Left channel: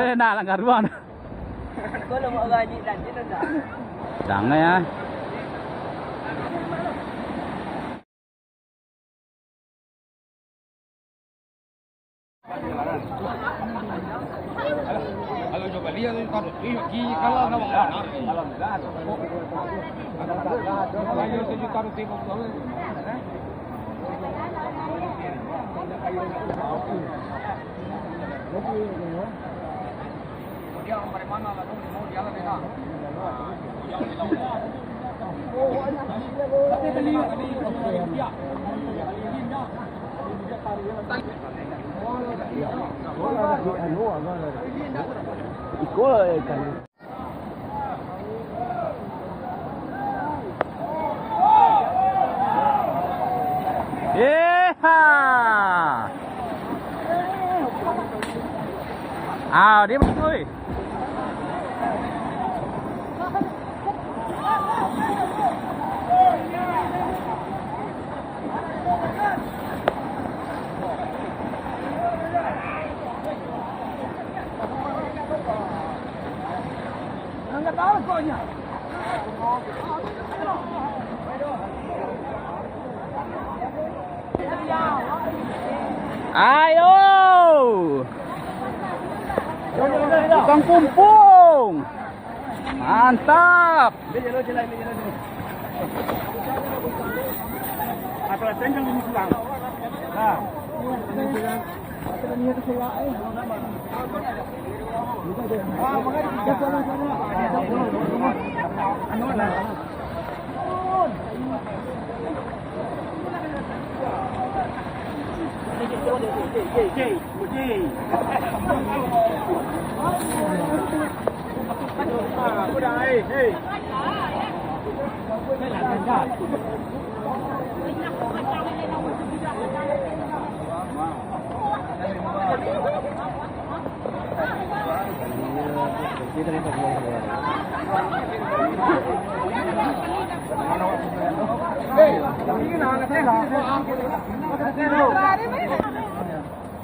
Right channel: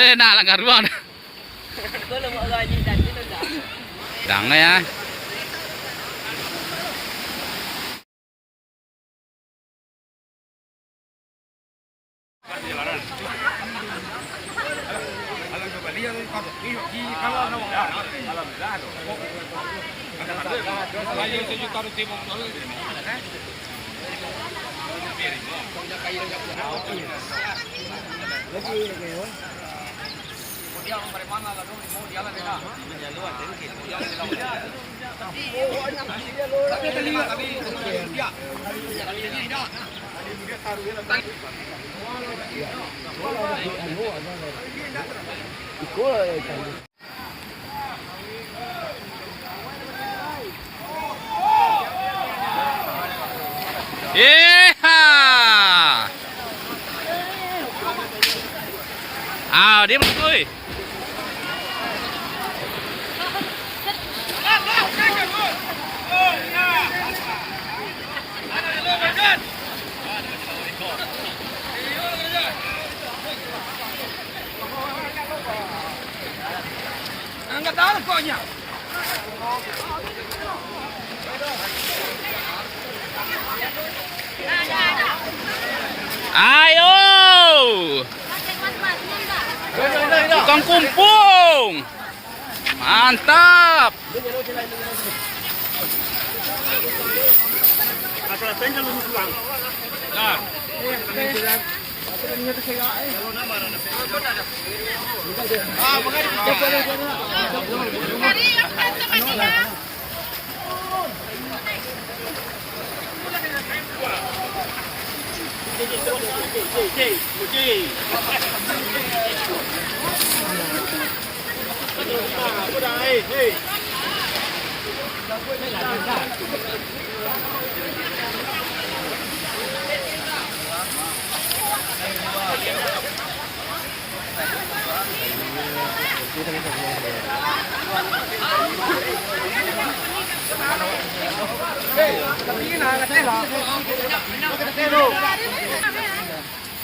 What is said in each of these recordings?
Boleh nak langgar ruang. Tolong buat orang ni dan dia tak. Jangan ya. Dia berkuih. Angkat tangan koknya. Ayo. Tukang kumpung. Mantap.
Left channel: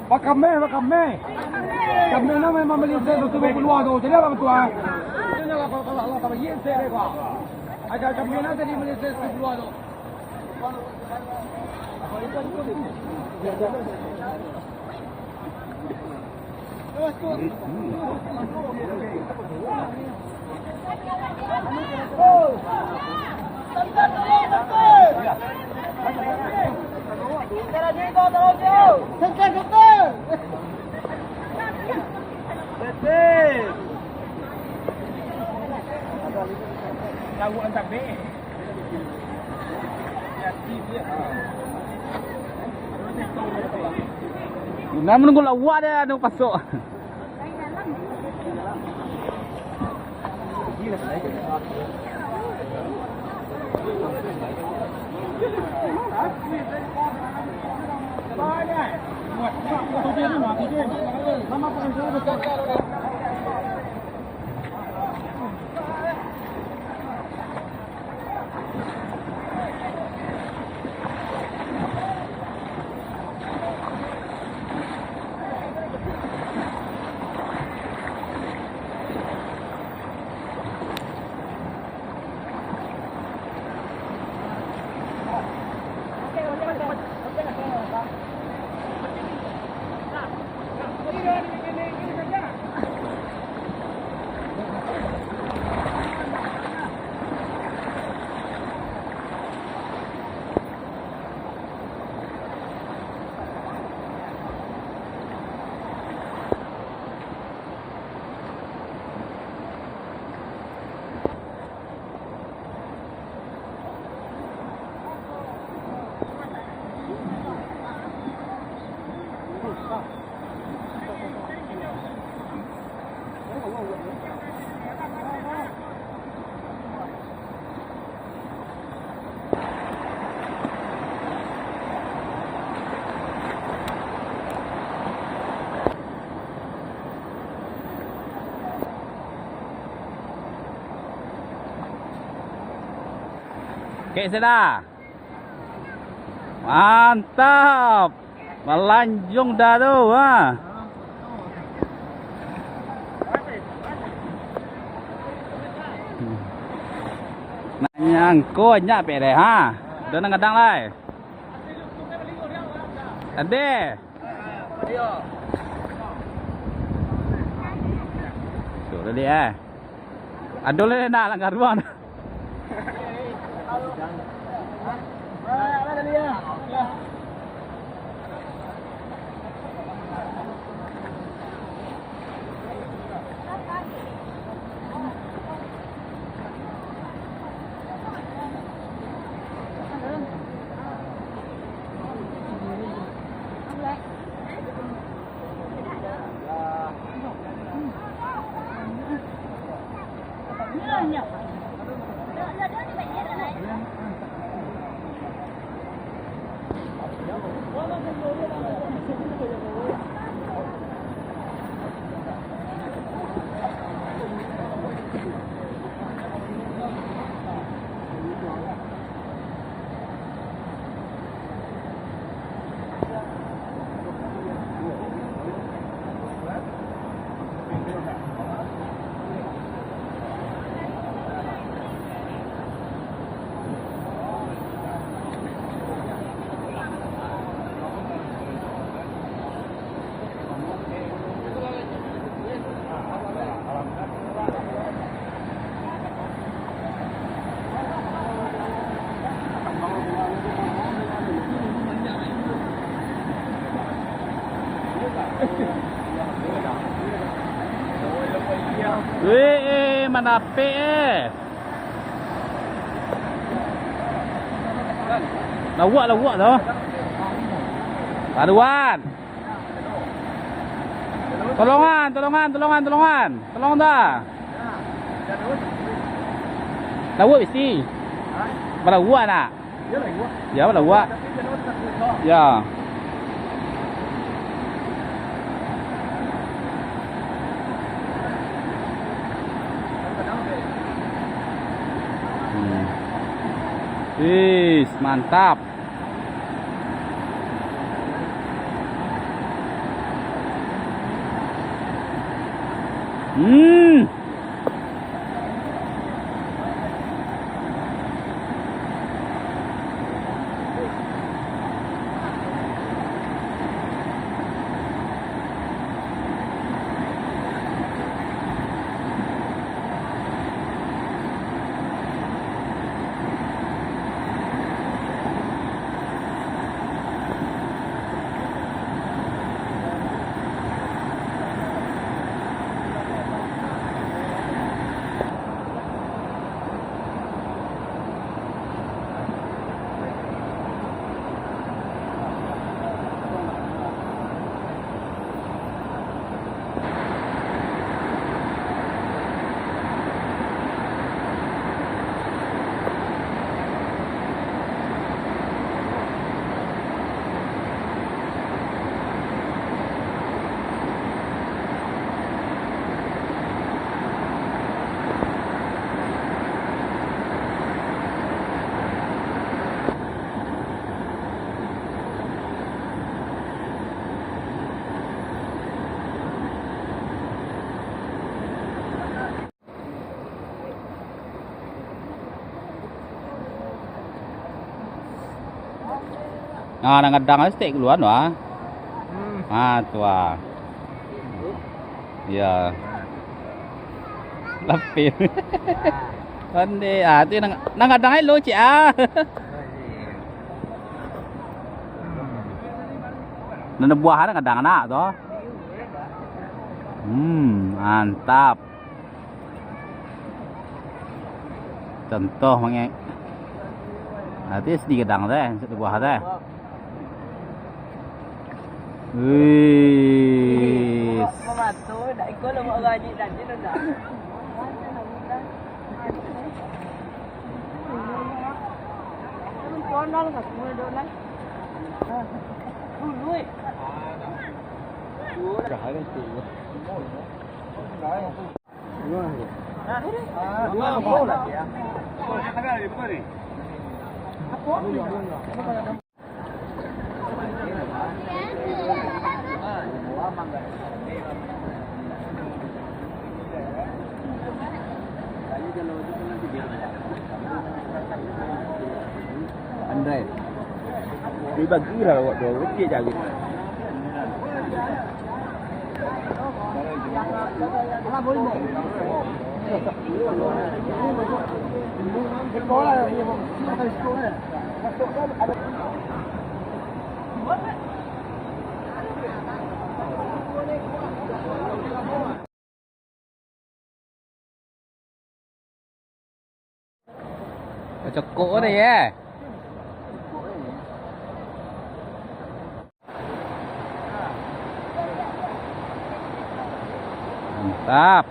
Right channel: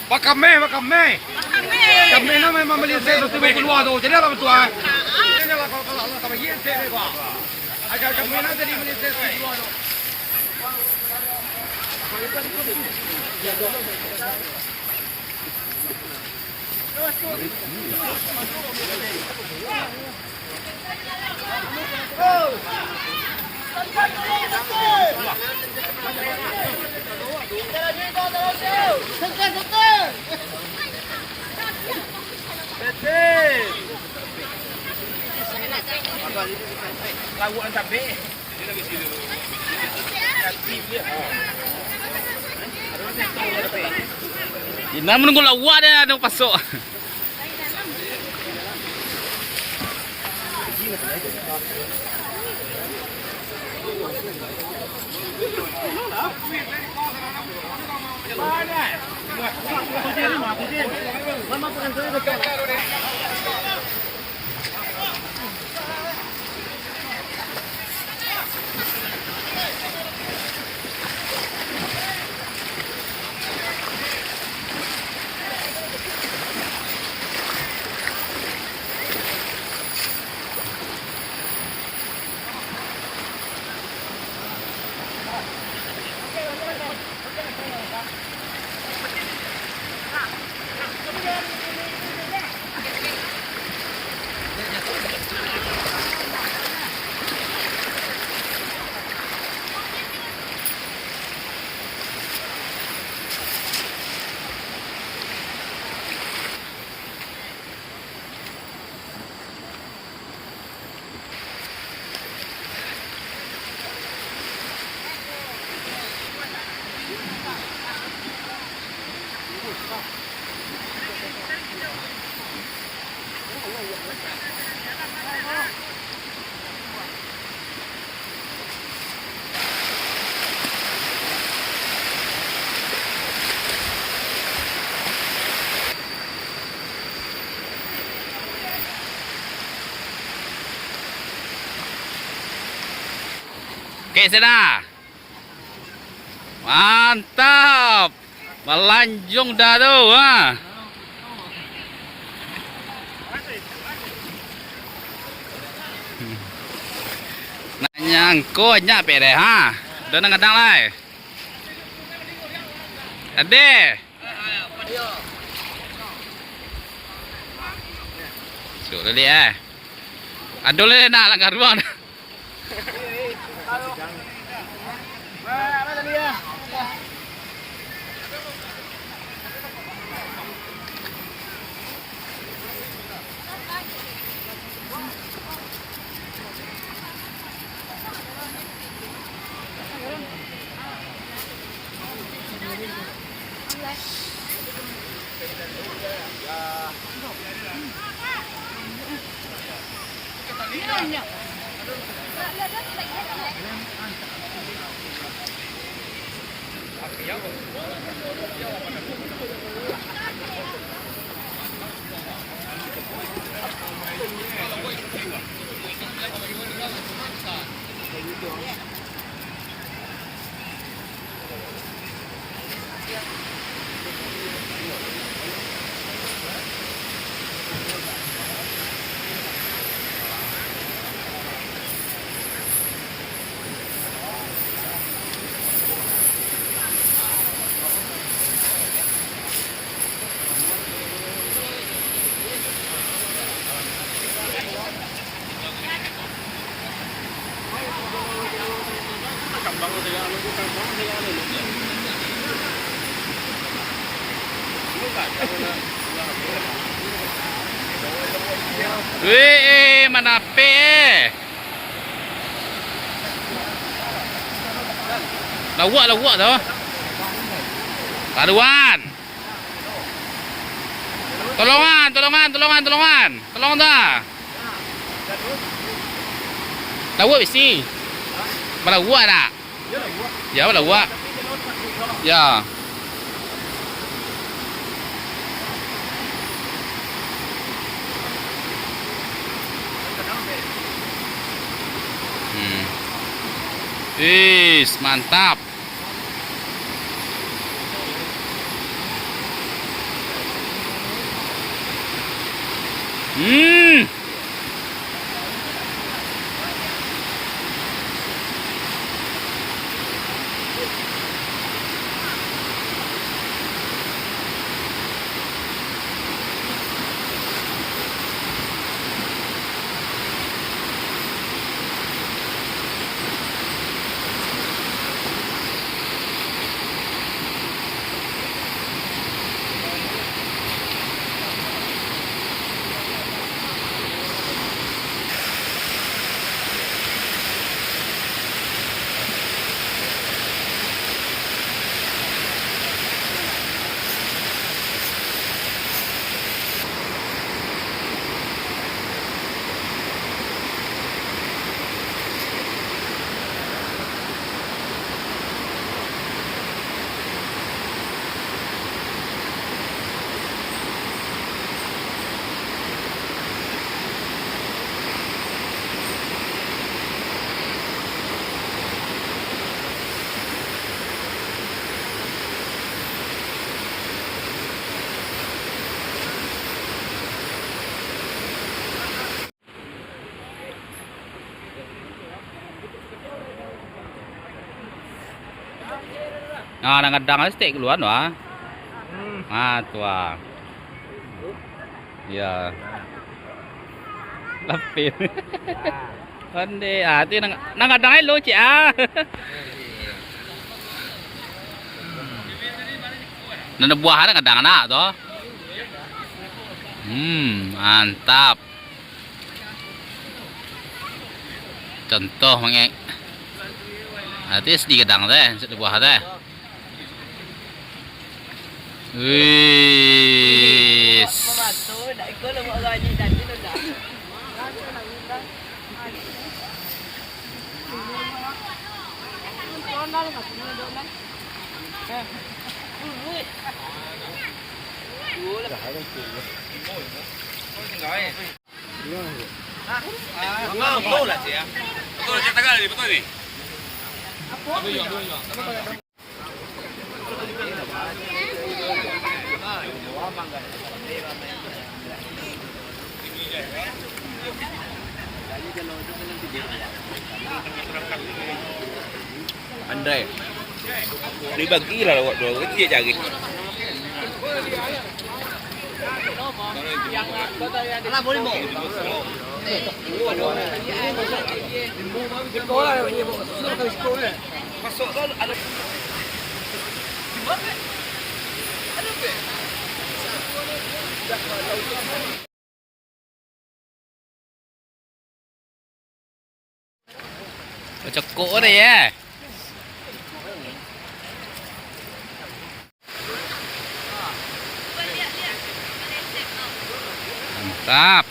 Pak kami nama memang beli saya tu keluar tu, jadi apa tu ah? Agak kami nama tadi beli saya keluar. Lawan cabai. Ina menunggu lawan dia nak pasok. Okey, sudah. Mantap. Melanjung dah tu, ha. Angko nyak pe deh ha. Dah nang kadang lai. Ade. Sudah dia. Adol le nak langgar ruang. Weh, mana pe? Lawak tu. Karuan. Tolongan. Tolong dah. Lawak bisi. Lawak nak? Ya, lawak. Ya. Mantap. Ah, kadang steak keluar wah. Tua. Ya. Lapin. Ande tu nang kadang lo cik ah. Nana buah ada kadang anak tu. Mantap. Contoh mangek. Nanti sedikit kadang deh, sedikit buah deh. Wis. Betul lah cik ya. Betul cik tanggal ni, betul ni. Andai. Dibagilah dua kecil cari. Alah boleh mau. Sekolah ni mau. Sekolah. Masuk kan ada. Cekuk dia ya. Mantap.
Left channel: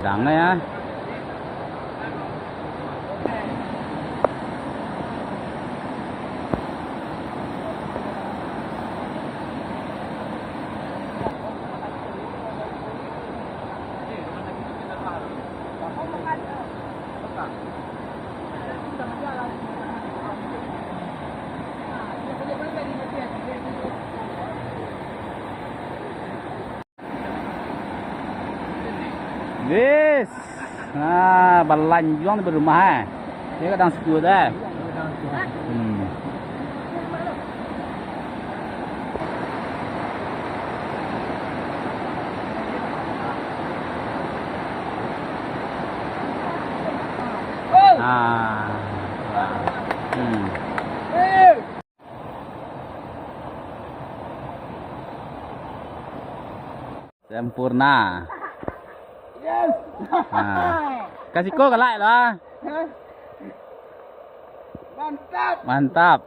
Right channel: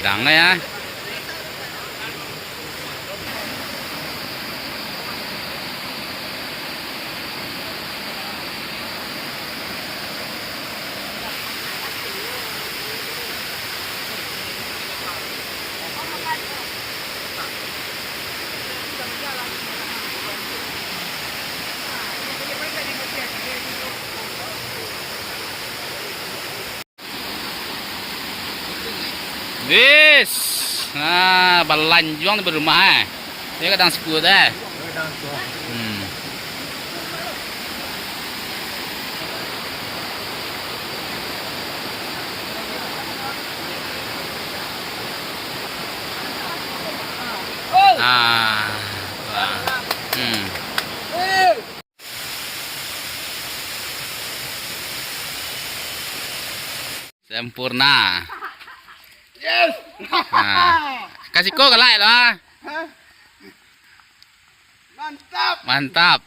Dang ya. Bis. Nah, balanjuang di rumah Dia kadang sepuluh dah. Ah. Sempurna. Yes. Kasih kau ke like lah. Mantap. Mantap.